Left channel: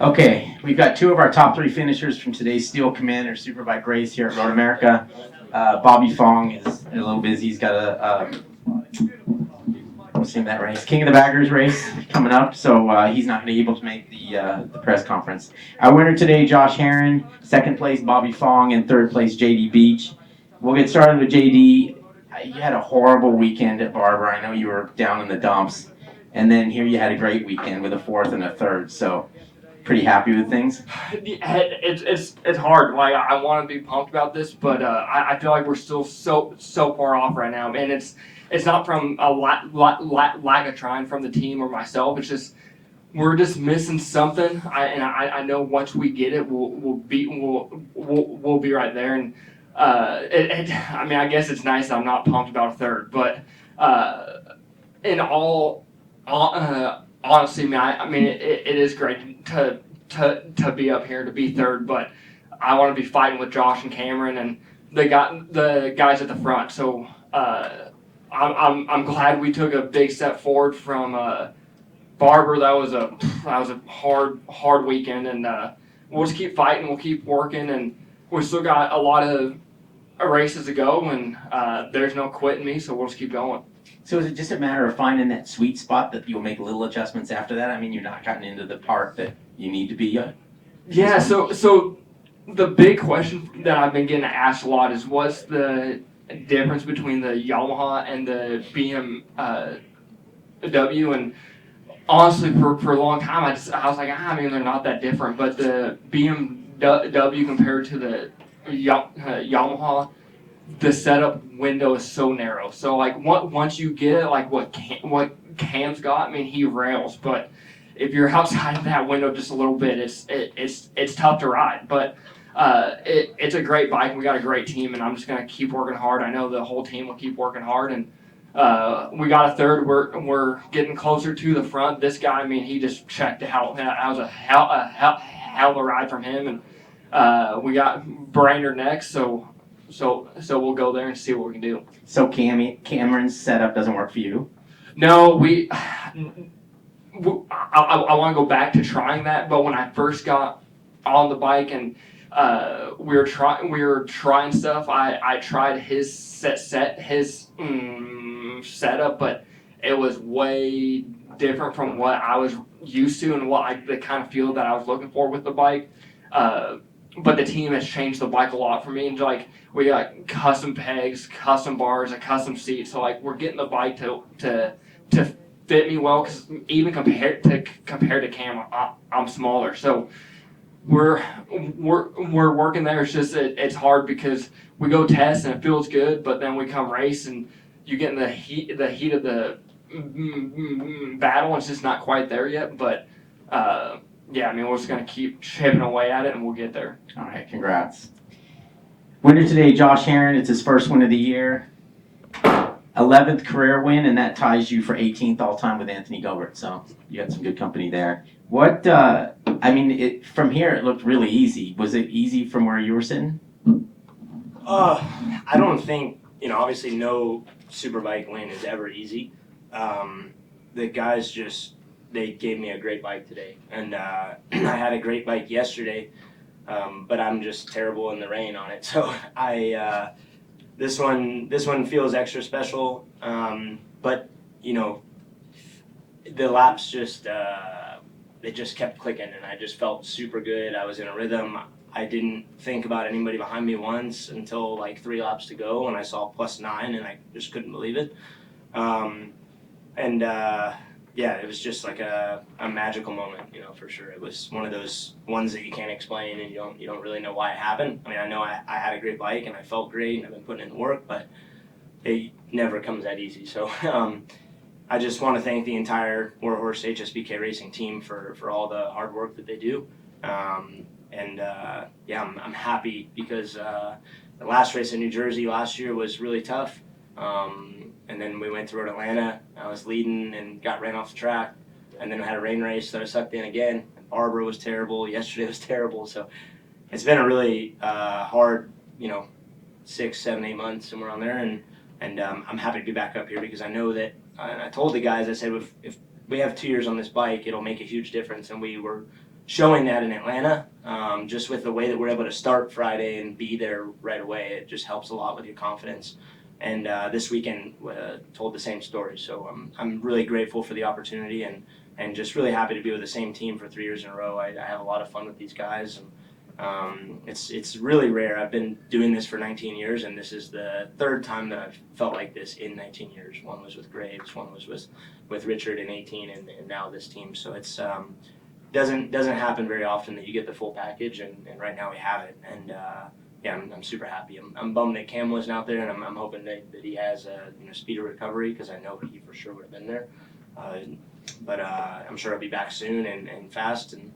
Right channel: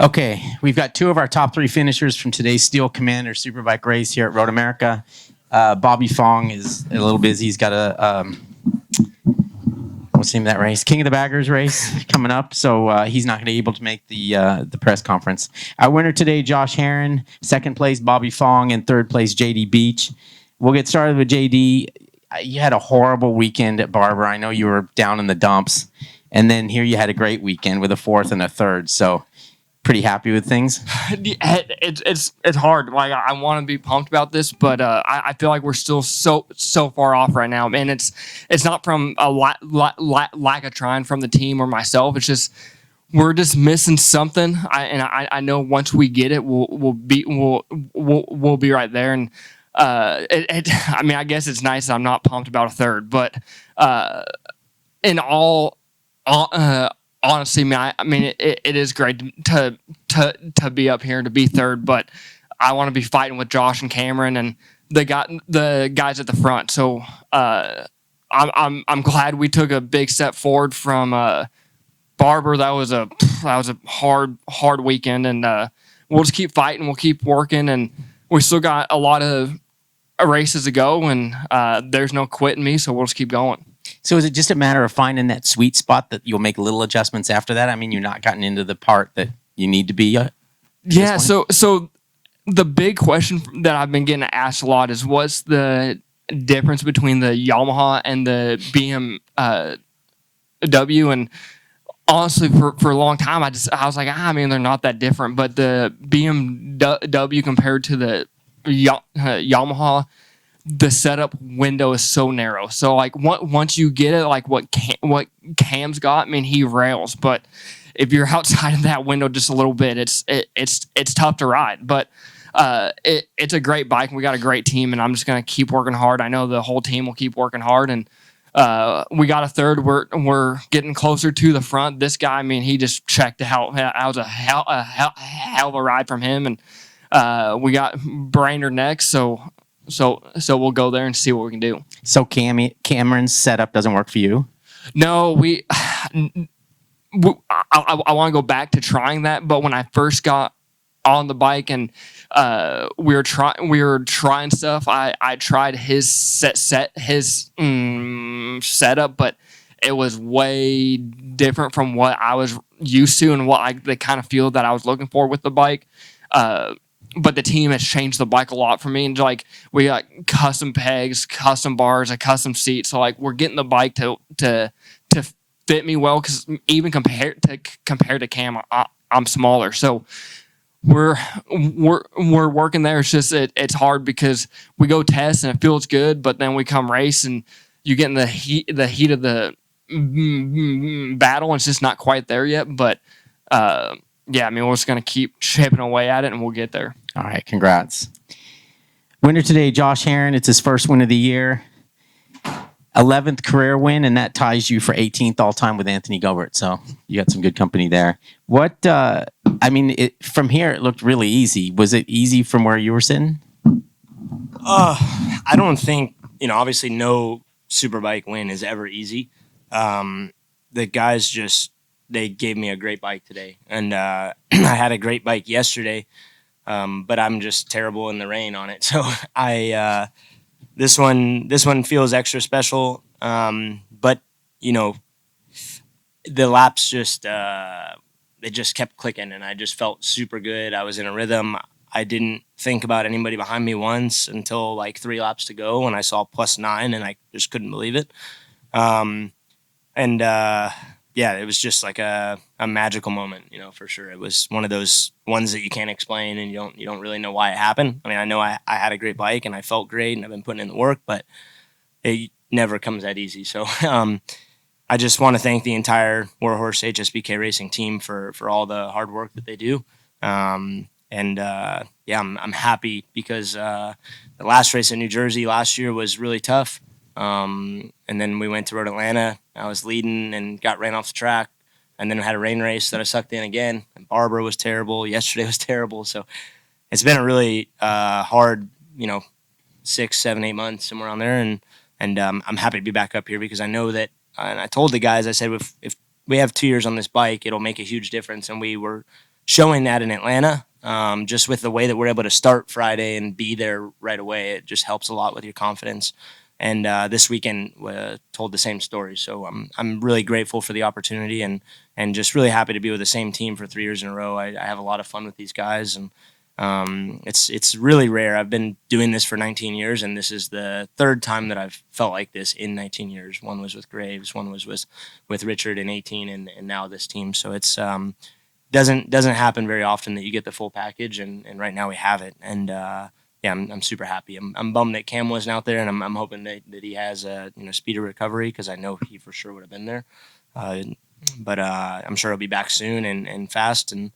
Okay, we've got two of our top three finishers from today's Steel Commander Superbike race here at MotoAmerica. Bobby Fong is a little busy. He's got what's the name of that race? King of the Baggers race coming up, so he's not going to be able to make the press conference. Our winner today, Josh Herron. Second place, Bobby Fong, and third place, JD Beach. We'll get started with JD. You had a horrible weekend at Barber. I know you were down in the dumps, and then here you had a great weekend with a fourth and a third. So pretty happy with things. It's hard. Like, I want to be pumped about this, but I feel like we're still so far off right now. And it's not from a lack of trying from the team or myself. It's just we're just missing something. I know once we get it, we'll be right there. And I mean, I guess it's nice that I'm not pumped about a third, but in all honestly, man, I mean, it is great to be up here, to be third, but I want to be fighting with Josh and Cameron and the guys at the front. So I'm glad we took a big step forward from Barber. That was a hard weekend, and we'll just keep fighting. We'll keep working, and we still got a lot of races to go, and there's no quitting me. So we'll just keep going. So is it just a matter of finding that sweet spot that you'll make little adjustments after that? I mean, you're not gotten into the part that you need to be yet? Yeah, so the big question that I've been getting asked a lot is what's the difference between the Yamaha and the BMW? And honestly, for a long time, I was like, I mean, they're not that different. But the BMW compared to the Yamaha, the setup window is so narrow. So like once you get it, like what Cam's got, I mean, he rails. But if you're outside of that window just a little bit, it's tough to ride. But it's a great bike. We got a great team, and I'm just gonna keep working hard. I know the whole team will keep working hard, and we got a third. We're getting closer to the front. This guy, I mean, he just checked out. That was a hell of a ride from him, and we got Brainerd next. So we'll go there and see what we can do. So Cameron's setup doesn't work for you? No, I want to go back to trying that, but when I first got on the bike and we were trying stuff, I tried his setup, but it was way different from what I was used to and the kind of feel that I was looking for with the bike. But the team has changed the bike a lot for me. And like we got custom pegs, custom bars, a custom seat. So like we're getting the bike to fit me well, because even compared to Cam, I'm smaller. So we're working there. It's just it's hard because we go test and it feels good, but then we come race and you get in the heat of the battle, and it's just not quite there yet. But yeah, I mean, we're just going to keep chipping away at it, and we'll get there. All right, congrats. Winner today, Josh Herron. It's his first win of the year. 11th career win, and that ties you for 18th all-time with Anthony Gilbert. So you got some good company there. What, I mean, from here it looked really easy. Was it easy from where you were sitting? I don't think, obviously no Superbike win is ever easy. The guys they gave me a great bike today. And I had a great bike yesterday, but I'm just terrible in the rain on it. So this one feels extra special. But, the laps they just kept clicking, and I just felt super good. I was in a rhythm. I didn't think about anybody behind me once until like 3 laps to go, and I saw +9, and I just couldn't believe it. Yeah, it was just like a magical moment, for sure. It was one of those ones that you can't explain, and you don't really know why it happened. I mean, I know I had a great bike and I felt great and I've been putting in the work, but it never comes that easy. So I just want to thank the entire Warhorse HSBK Racing team for all the hard work that they do. Yeah, I'm happy because the last race in New Jersey last year was really tough. And then we went to Road Atlanta. I was leading and got ran off the track. And then I had a rain race that I sucked in again. Barber was terrible. Yesterday was terrible. So it's been a really hard, 6, 7, 8 months, somewhere around there. And I'm happy to be back up here because I know that, and I told the guys, I said, if we have 2 years on this bike, it'll make a huge difference. And we were showing that in Atlanta. Just with the way that we're able to start Friday and be there right away, it just helps a lot with your confidence. And this weekend told the same story. So I'm really grateful for the opportunity and just really happy to be with the same team for 3 years in a row. I have a lot of fun with these guys, and it's really rare. I've been doing this for 19 years, and this is the third time that I've felt like this in 19 years. One was with Graves, one was with Richard in 18, and now this team. So it's doesn't happen very often that you get the full package, and right now we have it. And yeah, I'm super happy. I'm bummed that Cam wasn't out there, and I'm hoping that he has a speedy recovery, because I know he for sure would have been there. But I'm sure he'll be back soon and fast, and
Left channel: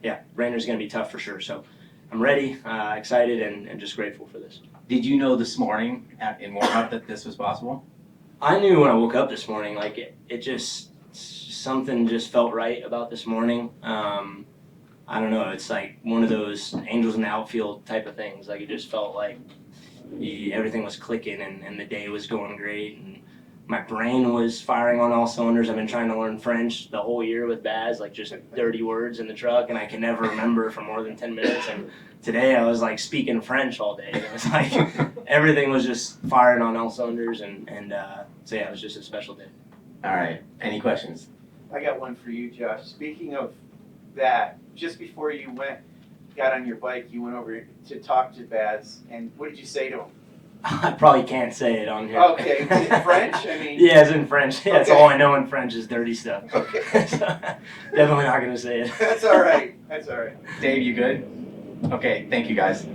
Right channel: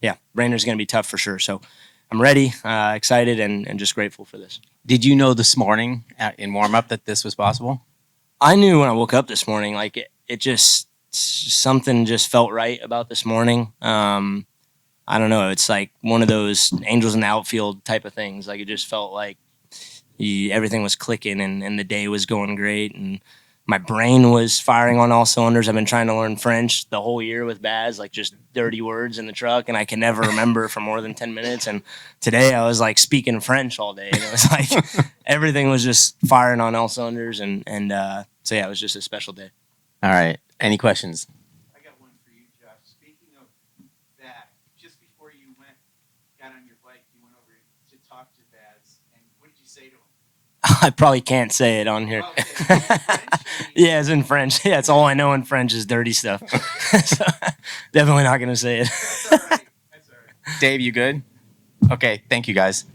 yeah, Rainer's going to be tough for sure. So I'm ready, excited, and just grateful for this. Did you know this morning in warm-up that this was possible? I knew when I woke up this morning, like it just something just felt right about this morning. I don't know. It's like one of those angels in the outfield type of things. Like it just felt like everything was clicking and the day was going great, and my brain was firing on all cylinders. I've been trying to learn French the whole year with Baz, like just dirty words in the truck, and I can never remember for more than 10 minutes. And today I was like speaking French all day. It was like everything was just firing on all cylinders, and so yeah, it was just a special day. All right. Any questions? I got one for you, Josh. Speaking of that, just before you got on your bike, you went over to talk to Baz, and what did you say to him? I probably can't say it on here. Okay, is it French? I mean, yeah, it's in French. Yeah, that's okay. all I know in French is dirty stuff. Okay. So, definitely not going to say it. That's all right. That's all right. Dave, you good? Okay. Thank you, guys.